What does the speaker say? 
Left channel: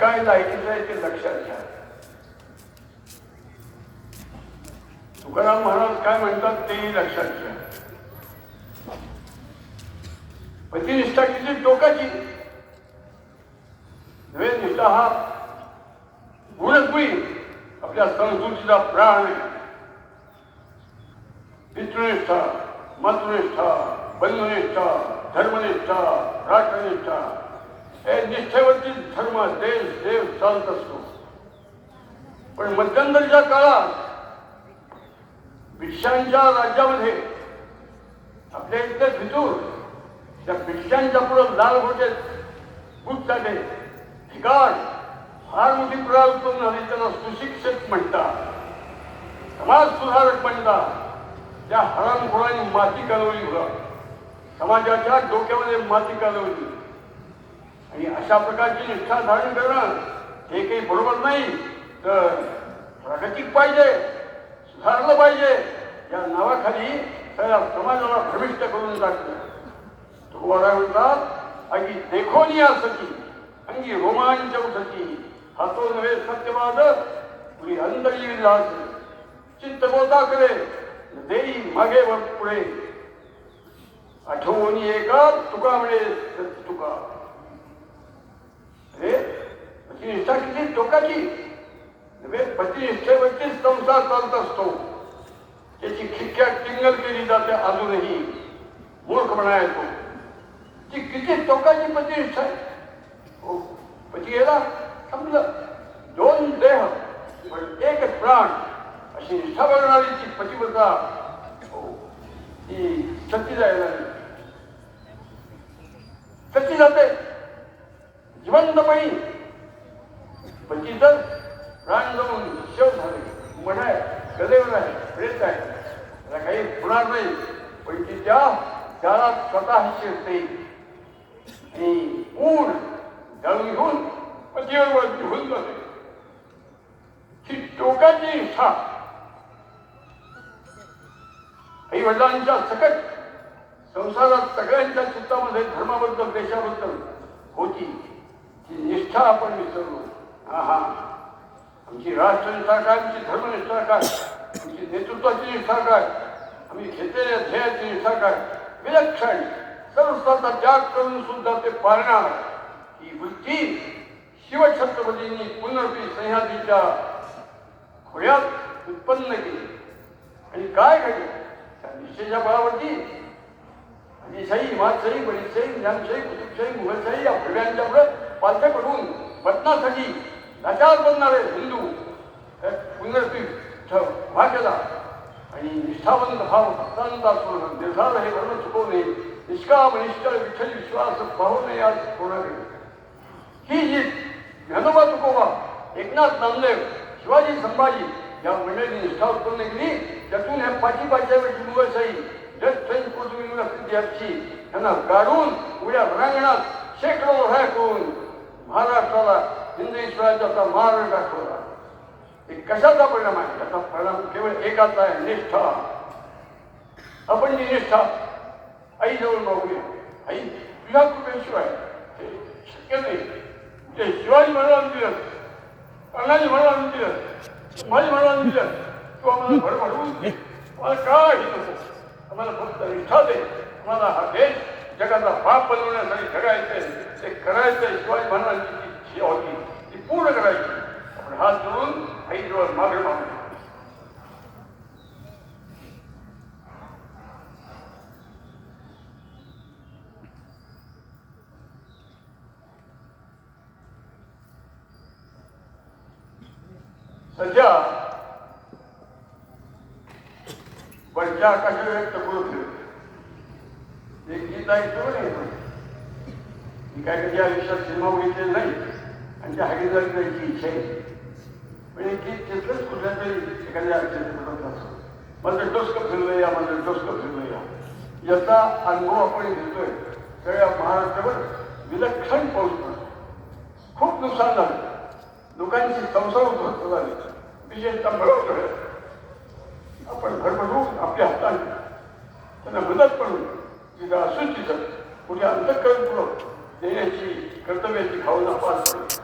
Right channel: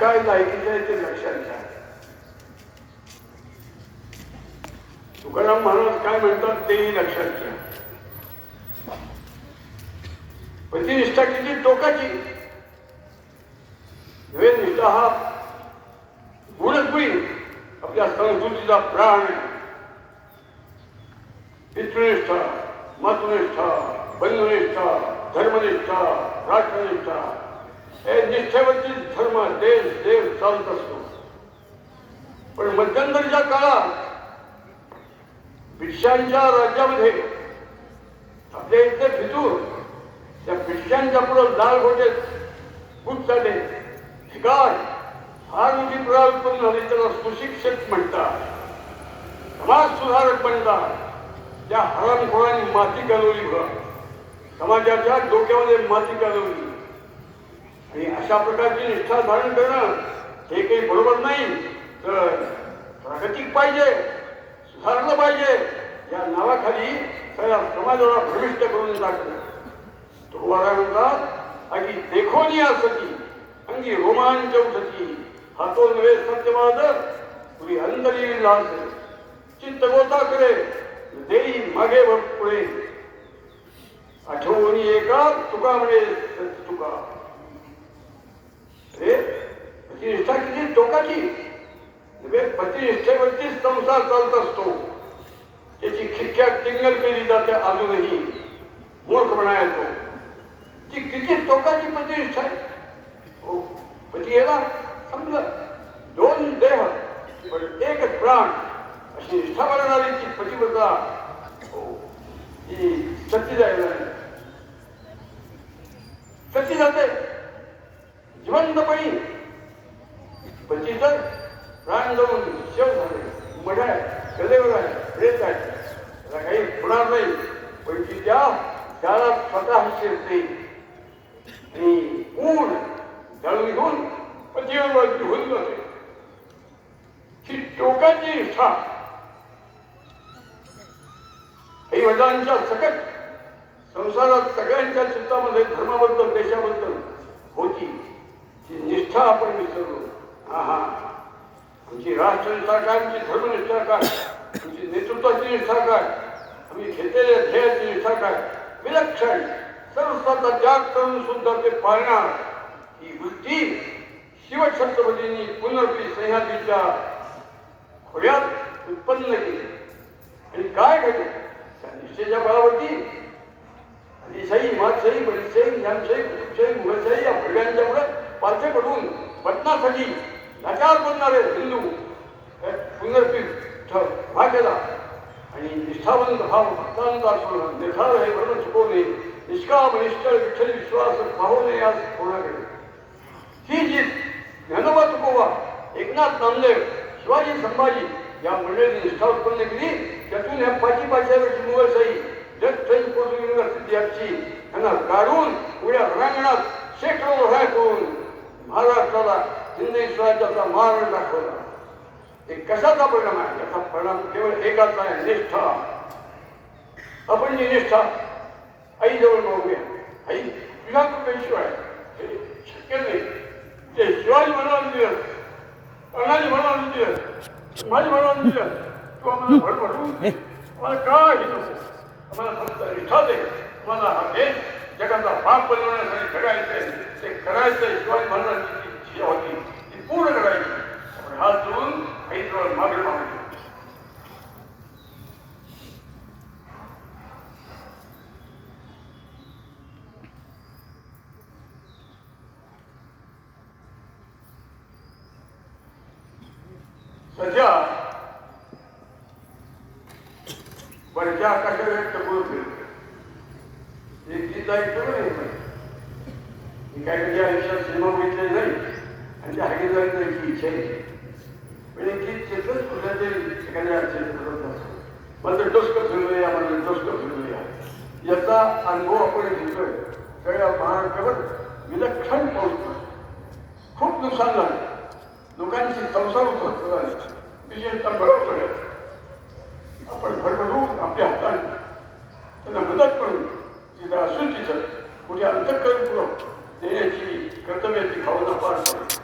काय लायकीचं आहे ते लक्षात घ्या. तुकाराम महाराज काय म्हणतात तेही लक्षात घ्या. प्रतिनिष्ठा किती टोकाची. नव्हे निष्ठा हा गुणच आपल्या संस्कृतीचा प्राण पितृनिष्ठा मातृनिष्ठा बंधुनिष्ठा धर्मनिष्ठा राष्ट्रनिष्ठा हे निष्ठेवरती धर्म देश देव चालत असतो. पण मध्यंतरीच्या काळात भिक्षांच्या राज्यामध्ये आपल्या इथले फितूर त्या भिक्षांच्या पुढं लाल घोटे बुट झाले ठिकाण फार मोठी पुरा उत्पन्न झाली त्याला सुशिक्षक म्हणतात. समाज सुधारक म्हणतात. त्या हरामखोरांनी माती घालवली बघा. समाजाच्या डोक्यामध्ये माती घालवली. आणि अशा प्रकारची निष्ठा धारण करणं हे काही बरोबर नाही. तर प्रागतिक पाहिजे सुधारलं पाहिजे या नावाखाली सगळ्या समाजाला भ्रमिष्ट करून टाकलं तुकोबाराय म्हणतात अगदी देखोनी असती अंगी रोमांच उठती हातो नव्हे सत्यवाद पुढे अंतरी लास चित्त गोता करे देई मागे पुढे. आठवणी एका तुका म्हणे तुका अरे निष्ठा म्हणजे किती? टोकाची? म्हणजे नव्हे प्रतिनिष्ठेवरती संसार चालत असतो. त्याची खिडक्या टिंगल केली जाते अजूनही. मूर्ख म्हणा येतो ती. किती टोकाची प्रतिनिष्ठा आहे? हो पती गेला समजलं दोन देह पण एकच प्राण. अशी निष्ठा बनवणारी ती पतिव्रता. हो, ती सती जायला सती जाते. जिवंतपणी पती तर प्राण जाऊन शेव झाले मठ आहे कलेवर आहे प्रेत आहे त्याला काही होणार नाही. पण ती त्या त्याला स्वतः शिरते आणि ऊन जाळून घेऊन पतीवर होऊन जाते ही टोकाची इच्छा. आई वडिलांच्या सकट संसारात सगळ्यांच्या चित्तामध्ये धर्माबद्दल देशाबद्दल होती. निष्ठा आपण विसरलो हा हा आमची राष्ट्रनिष्ठा काय आमची धर्मनिष्ठा काय आमची नेतृत्वाची निष्ठा काय आम्ही घेतलेल्या ध्येयाची निष्ठा काय विलक्षण सर्वस्वाचा त्याग करून सुद्धा ते पाळणार. ही वृत्ती शिवछत्रपतींनी पुनर्पी सह्याद्रीच्या खोऱ्यात उत्पन्न केली. आणि काय घडले? त्या निष्ठेच्या बळावरती आदिशाही मातशाही बरीशाही ज्ञानशाही कुतुबशाही मुघलशाही या भडव्यांच्या पुढे पालथे पडून बदनासाठी लाचार बनणारे हिंदू पुनर्पीठ उभा केला आणि निष्ठावंत भाव भक्तांचा सोडून निर्धार हे धर्म चुकवणे निष्काम निष्ठळ विठ्ठल विश्वास पाहू नये आज होणार ही जी ज्ञानोबा तुकोबा एकनाथ नामदेव शिवाजी संभाजी या मंडळींनी निष्ठा उत्पन्न केली त्यातून ह्या पाची पाचव्याची मुघलशाही जग फ्रेंच पोर्तुगीज विद्यार्थी त्यांना काढून उड्या रणांगणात शेकडो लढाया करून महाराष्ट्राला हिंदवी स्वराज्याचा मार्ग दाखवला. हे कशाचा परिणाम आहे? त्याचा परिणाम केवळ एकाच आहे निष्ठा. आपण जी निष्ठा आईजवळ मागूया आई तुझ्या कृपेशिवाय हे शक्य नाही. ते शिवाजी महाराज दिवस अण्णाजी महाराज दिवस माझी महाराज दिवस तू आम्हाला भरभरून दे. आम्हाला काय आम्हाला फक्त निष्ठा दे. आम्हाला हा देश जगाचा भाग बनवण्यासाठी घडायचंय ते करायचंय शिवाजी महाराजांची जी इच्छा होती ती पूर्ण करायची. आपण हात जोडून आईजवळ मागे मागू सध्या वरच्या आकाशात व्यक्त करू फिरते एक गीत आहे का नाही पण. मी काही कधी आयुष्यात सिनेमा बघितले नाही आणि त्या हागेदारी जायची इच्छा आहे. पण एक गीत तिथलंच कुठल्या तरी एखाद्या चित्रपटात असतो माझं डोस्क फिरलं या माझं डोस्क फिरलं या. याचा अनुभव आपण घेतोय. सगळ्या महाराष्ट्रावर विलक्षण पाऊस खूप नुकसान झालं. लोकांची संसार उद्ध्वस्त झाले. विशेषतः बरोबर आपण भरभरून आपल्या हाताने त्यांना मदत करून 우리가 솔직히 우리 안타까운 부분 내야지 결단해야지 가오나 빠르다